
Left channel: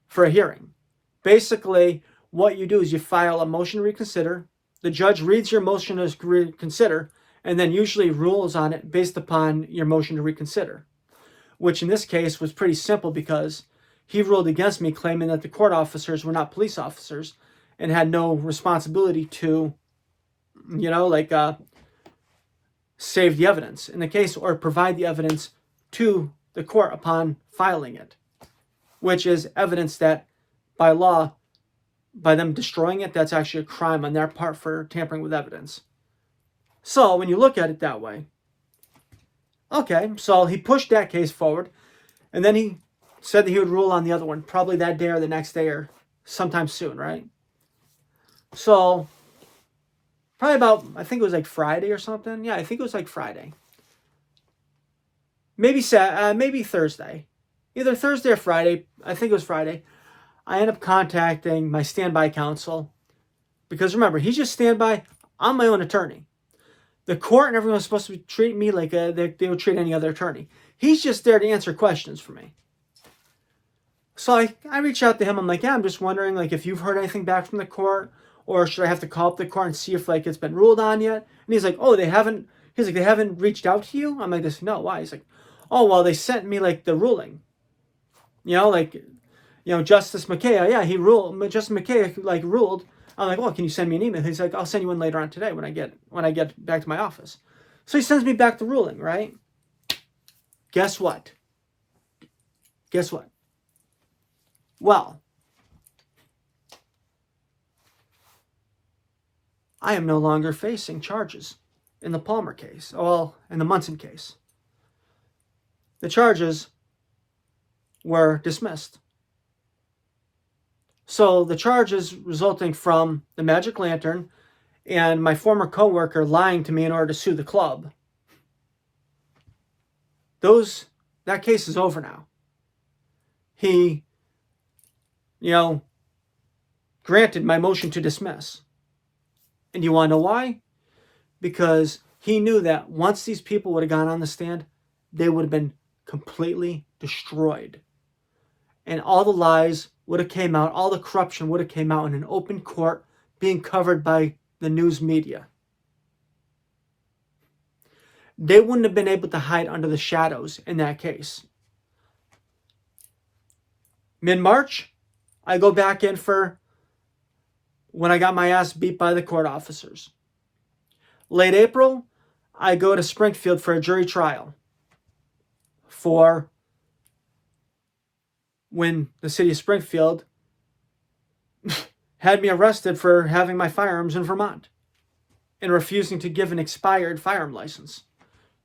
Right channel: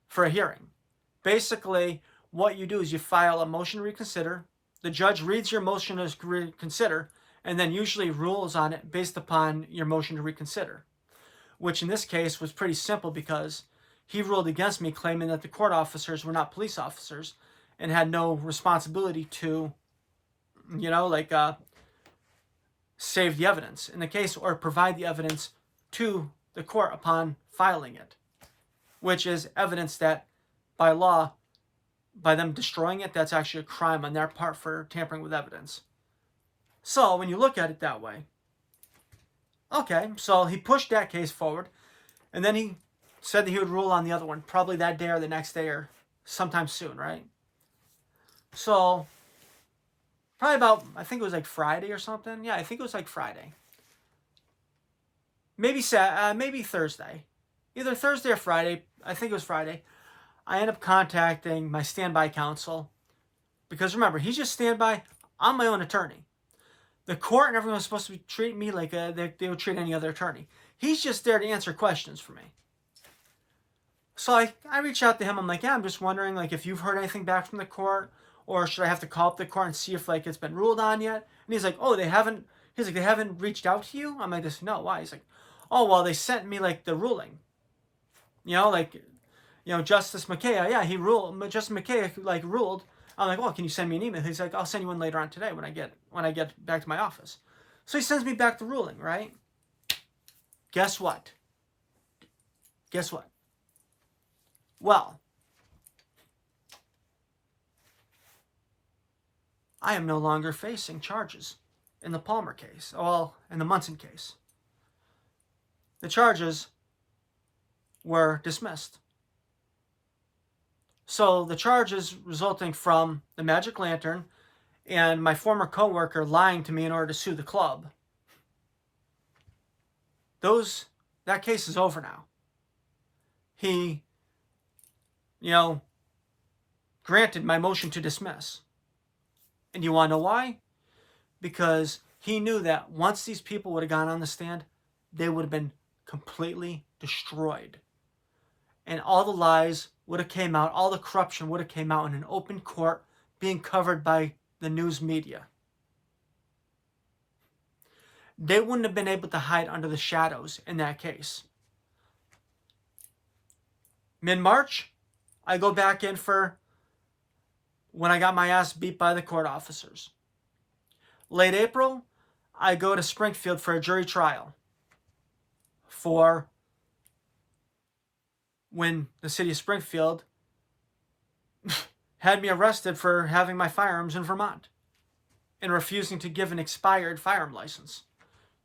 for a hearing. Basically, what you do is you file a motion to reconsider. The judge reads your motion to reconsider and then usually rules on it based upon your motion to reconsider, which in this case was pretty simple because he ruled against me claiming that the court officers were not police officers and had no responsibility to, save the evidence in the case or provide the evidence to the court upon filing it, which is evidence that by law, by them destroying it, that's actually a crime on their part for tampering with evidence. So when you look at it that way, okay, so he pushed that case forward and then he said that he would rule on the other one probably that day or the next day or sometime soon, right? So probably about, I think it was Friday or something. Yeah, I think it was Friday. Maybe Thursday. Either Thursday or Friday. I think it was Friday. I end up contacting my standby counsel. Because remember, he's just standby. I'm my own attorney. The court and everyone was supposed to treat me like they would treat any other attorney. He's just there to answer questions for me. So I reach out to him. I'm like, yeah, I'm just wondering if you've heard anything back from the court, or should I have to call up the court and see if it's been ruled on yet? And he's like, oh, they haven't. He's like, they haven't reached out to you? I'm like, this, no, why? He's like, oh, well, they sent me the ruling. Justice McKay, yeah, he ruled. Justice McKay ruled. I'm like, well, can you send me an email? He's like, I'll send you one later on today when I get back to my office. So he sends me back the ruling, right? Guess what? Well, I am no longer facing charges in the Palmer case. Well, in the Munson case. The charges were dismissed. So the charges resulting from the Magic Lantern and my former coworker lying to me in order to sue the club, that case is over now. He, granted my motion to dismiss. And you want to know why? Because he knew that once these people would have gone on the stand, they would have been completely destroyed. And all the lies would have came out, all the corruption would have came out in an open court being covered by the news media. They wouldn't have been able to hide under the shadows in that case. Mid-March, I go back in for when I got my ass beat by the court officers. Late April, I go to Springfield for a jury trial for when the city of Springfield had me arrested for having my firearms in Vermont and refusing to give an expired firearm license,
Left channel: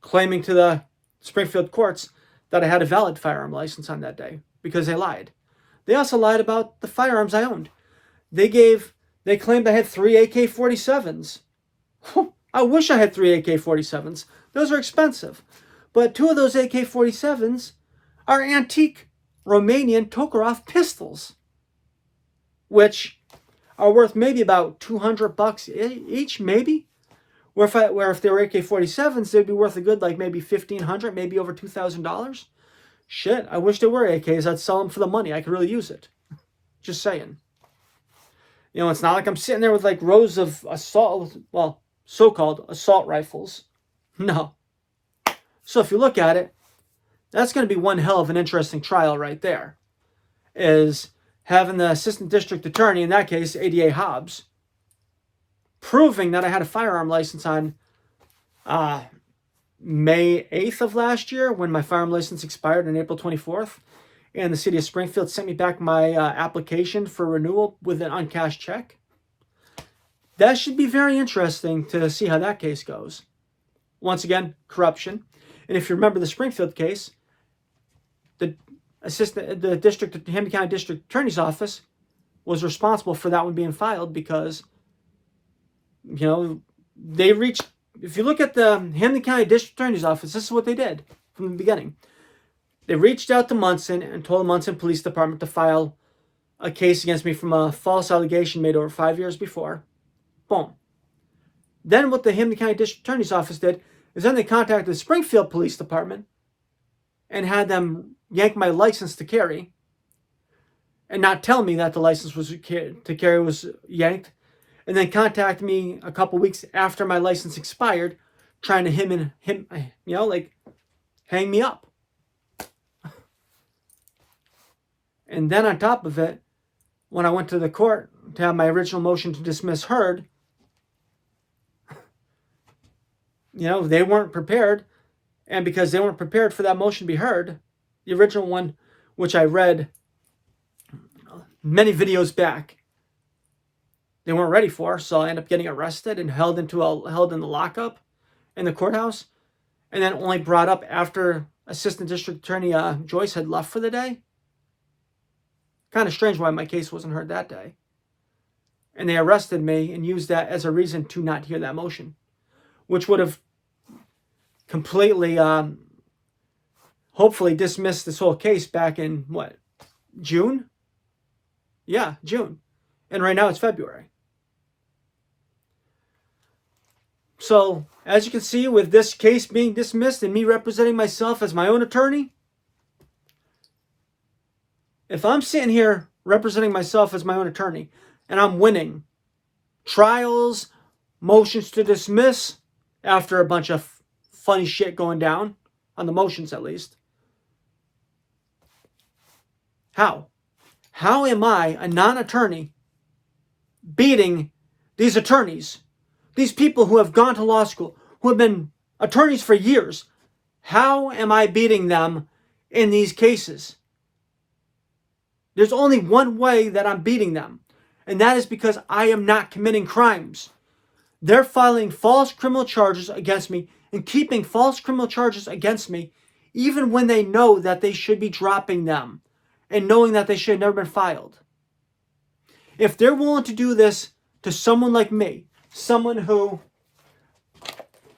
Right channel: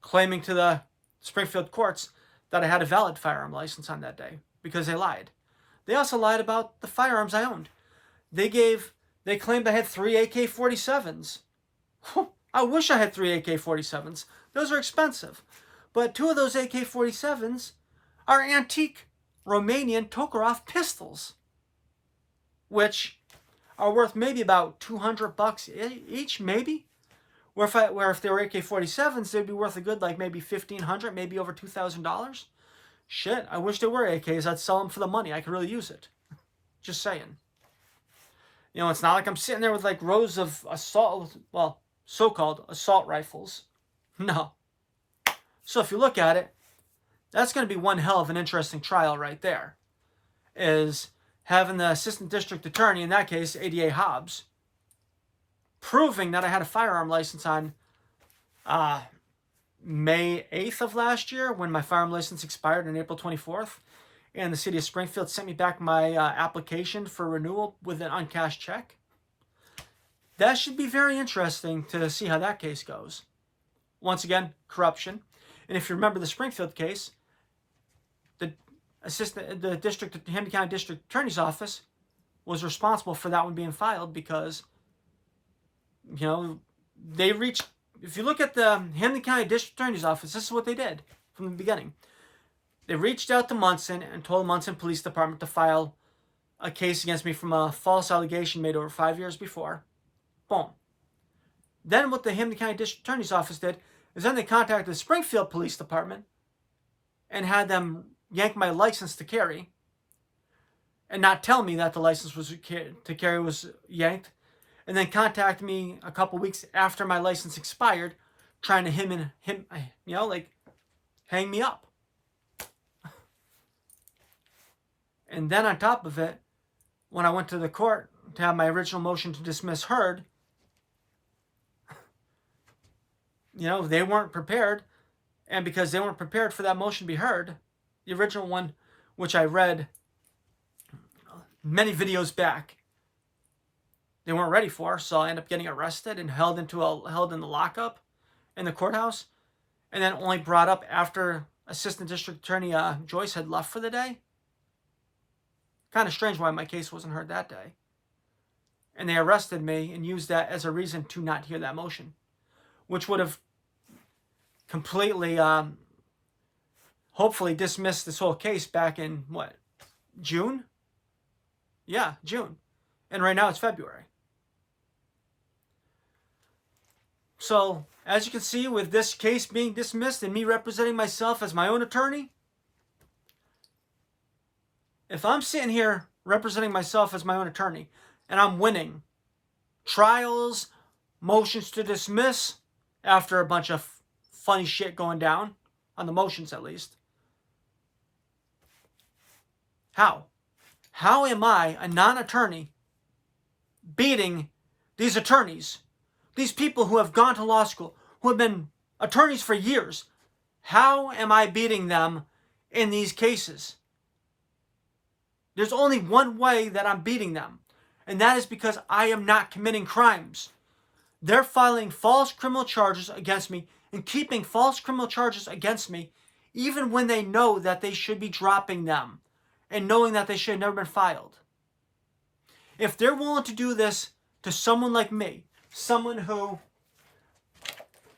claiming to the Springfield courts that I had a valid firearm license on that day because they lied. They also lied about the firearms I owned. They claimed I had 3 AK-47s. I wish I had 3 AK-47s. Those are expensive. But 2 of those AK-47s are antique Romanian Tokarev pistols, which are worth maybe about $200 each, maybe. Where if they were AK-47s, they'd be worth a good like maybe $1,500, maybe over $2,000. Shit, I wish they were AKs. I'd sell them for the money. I could really use it. Just saying. You know, it's not like I'm sitting there with like rows of so-called assault rifles. No. So if you look at it, that's going to be one hell of an interesting trial right there. Is having the assistant district attorney, in that case, ADA Hobbs, proving that I had a firearm license on May 8th of last year when my firearm license expired on April 24th. And the city of Springfield sent me back my application for renewal with an uncashed check. That should be very interesting to see how that case goes. Once again, corruption. And if you remember the Springfield case, the Hampden County District Attorney's Office was responsible for that one being filed because, you know, they reached, if you look at the Hampden County District Attorney's Office, this is what they did from the beginning. They reached out to Munson and told the Munson Police Department to file a case against me from a false allegation made over 5 years before. Boom. Then what the Hampden County District Attorney's Office did is then they contacted the Springfield Police Department and had them yank my license to carry and not tell me that the license to carry was yanked, and then contact me a couple weeks after my license expired trying to hang me up. And then on top of it, when I went to the court to have my original motion to dismiss heard, you know, they weren't prepared. And because they weren't prepared for that motion to be heard, the original one, which I read many videos back, they weren't ready for. So I ended up getting arrested and held in the lockup in the courthouse. And then only brought up after Assistant District Attorney Joyce had left for the day. Kind of strange why my case wasn't heard that day. And they arrested me and used that as a reason to not hear that motion, which would have completely, hopefully dismissed this whole case back in, what, June? Yeah, June. And right now it's February. So, as you can see, with this case being dismissed and me representing myself as my own attorney, if I'm sitting here representing myself as my own attorney and I'm winning trials, motions to dismiss after a bunch of funny shit going down, on the motions at least, how? How am I, a non-attorney, beating these attorneys, these people who have gone to law school, who have been attorneys for years? How am I beating them in these cases? There's only one way that I'm beating them, and that is because I am not committing crimes. They're filing false criminal charges against me and keeping false criminal charges against me even when they know that they should be dropping them and knowing that they should have never been filed. If they're willing to do this to someone like me, someone who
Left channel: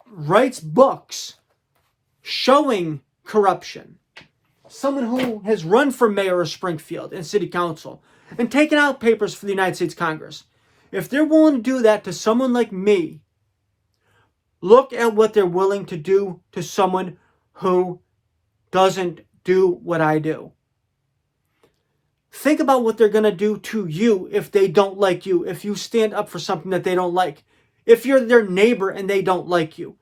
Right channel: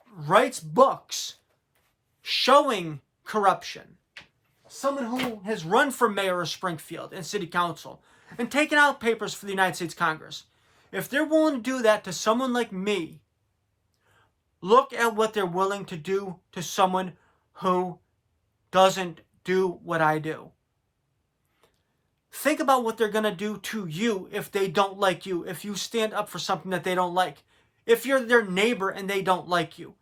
writes books showing corruption, someone who has run for mayor of Springfield and city council and taken out papers for the United States Congress, if they're willing to do that to someone like me, look at what they're willing to do to someone who doesn't do what I do. Think about what they're going to do to you if they don't like you, if you stand up for something that they don't like, if you're their neighbor and they don't like you,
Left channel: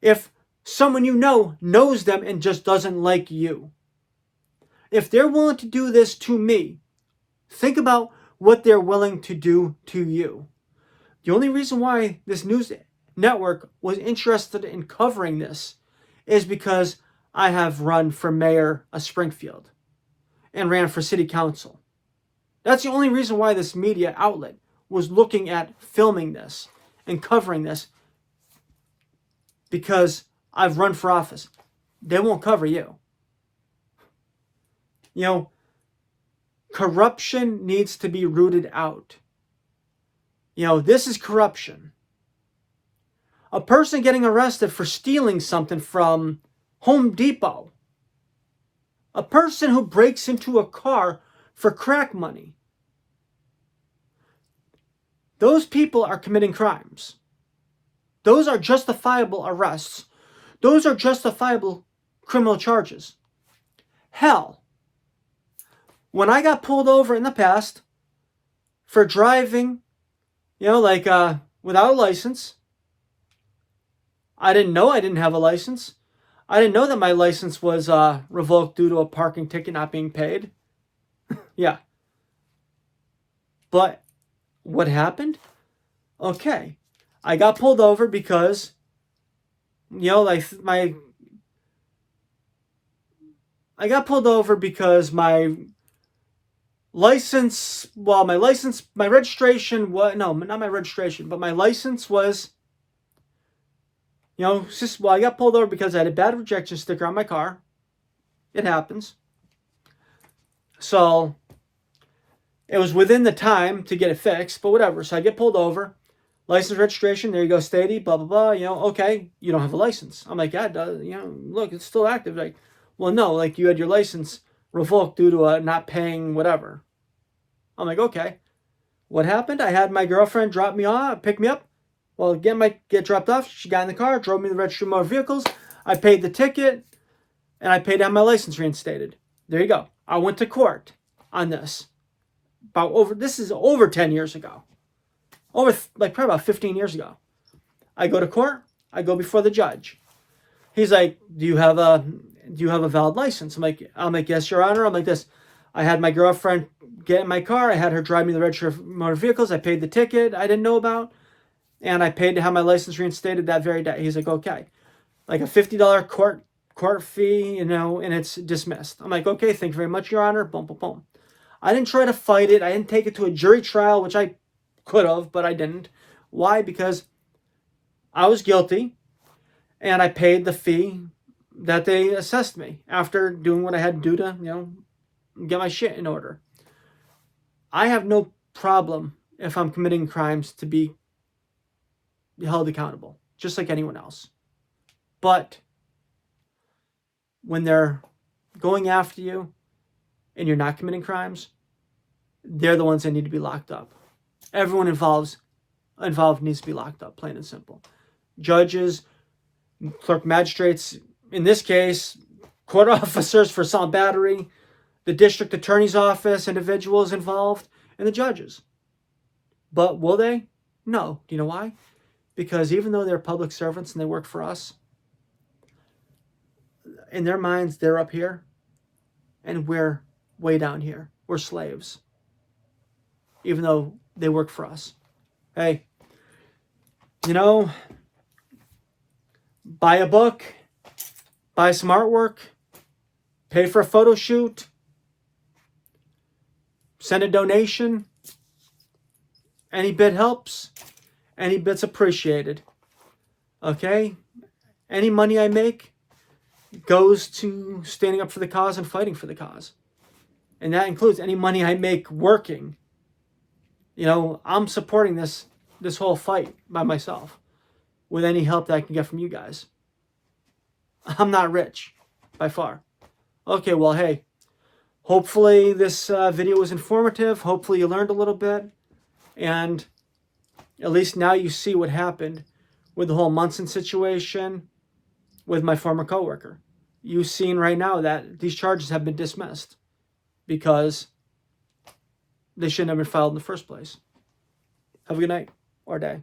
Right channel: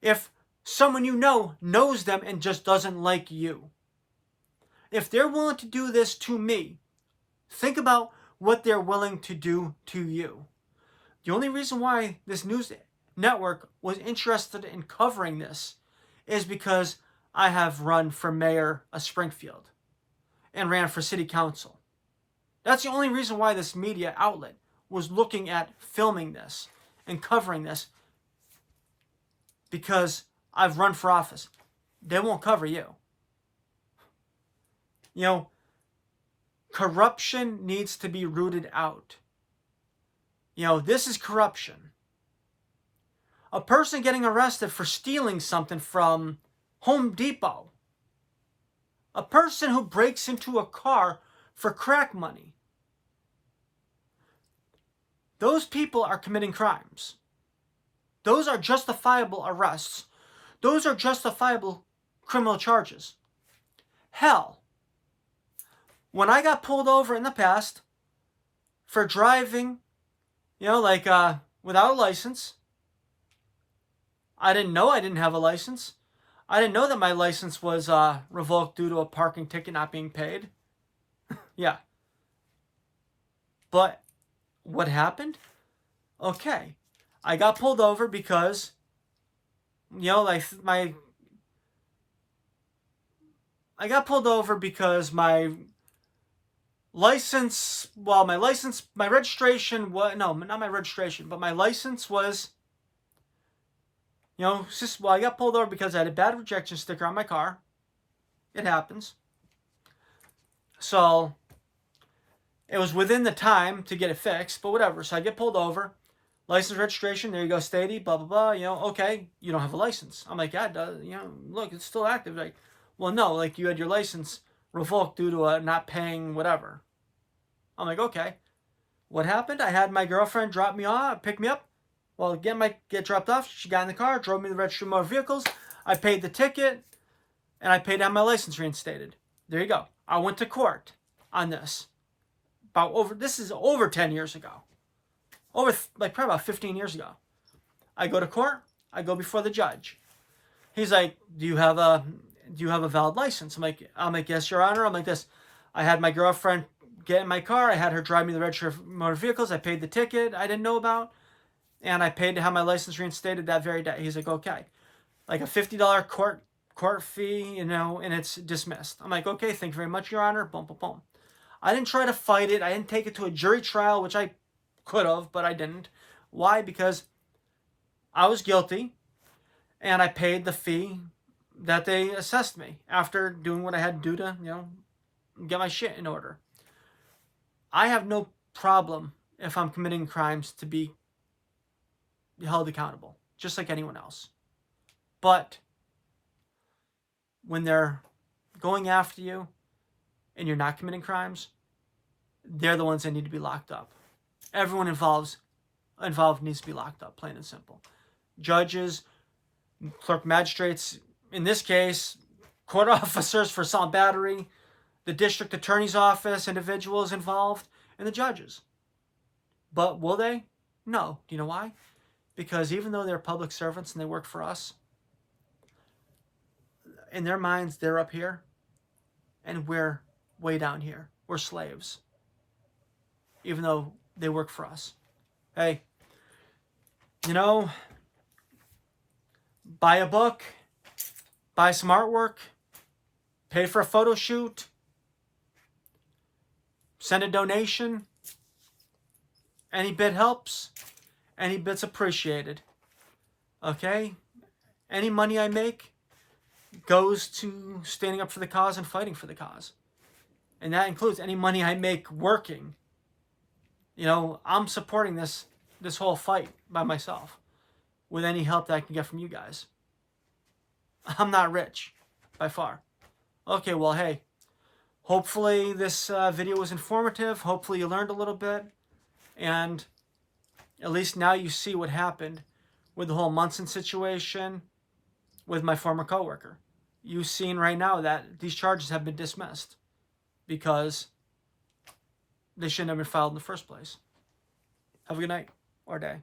if someone you know knows them and just doesn't like you. If they're willing to do this to me, think about what they're willing to do to you. The only reason why this news network was interested in covering this is because I have run for mayor of Springfield and ran for city council. That's the only reason why this media outlet was looking at filming this and covering this, because I've run for office. They won't cover you. You know, corruption needs to be rooted out. You know, this is corruption. A person getting arrested for stealing something from Home Depot. A person who breaks into a car for crack money. Those people are committing crimes. Those are justifiable arrests. Those are justifiable criminal charges. Hell, when I got pulled over in the past for driving, without a license, I didn't know I didn't have a license. I didn't know that my license was revoked due to a parking ticket not being paid. Yeah. But what happened? Okay. I got pulled over because, I got pulled over because my license, my registration was, no, not my registration, but my license was, I got pulled over because I had a bad rejection sticker on my car. It happens. So it was within the time to get it fixed, but whatever. So I get pulled over. License, registration, there you go, Stady, blah, blah, blah. Okay, you don't have a license. I'm like, yeah, it does. Look, it's still active. Like, well, no, you had your license revoked due to not paying whatever. I'm like, okay. What happened? I had my girlfriend pick me up. Well, get dropped off. She got in the car, drove me to the registry of motor vehicles. I paid the ticket, and I paid to have my license reinstated. There you go. I went to court on this. This is over 10 years ago. Probably about 15 years ago. I go to court. I go before the judge. He's like, do you have a valid license? I'm like, yes, Your Honor. I'm like this. I had my girlfriend get in my car. I had her drive me to the registry of motor vehicles. I paid the ticket I didn't know about. And I paid to have my license reinstated that very day. He's like, okay. Like a $50 court fee, and it's dismissed. I'm like, okay, thank you very much, Your Honor. Boom, boom, boom. I didn't try to fight it. I didn't take it to a jury trial, which I could have, but I didn't. Why? Because I was guilty, and I paid the fee that they assessed me after doing what I had to do to, get my shit in order. I have no problem if I'm committing crimes to be held accountable, just like anyone else. But when they're going after you and you're not committing crimes, they're the ones that need to be locked up. Everyone involved needs to be locked up, plain and simple. Judges, clerk magistrates, in this case, court officers for assault and battery, the district attorney's office, individuals involved, and the judges. But will they? No. Do you know why? Because even though they're public servants and they work for us, in their minds, they're up here, and we're way down here. We're slaves. Even though they work for us. Hey, buy a book, buy some artwork, pay for a photo shoot, send a donation. Any bit helps. Any bit's appreciated. Okay? Any money I make goes to standing up for the cause and fighting for the cause. And that includes any money I make working. I'm supporting this whole fight by myself with any help that I can get from you guys. I'm not rich, by far. Okay, well, hey, hopefully this video was informative. Hopefully you learned a little bit. And at least now you see what happened with the whole Munson situation with my former coworker. You've seen right now that these charges have been dismissed because they shouldn't have been filed in the first place. Have a good night or day.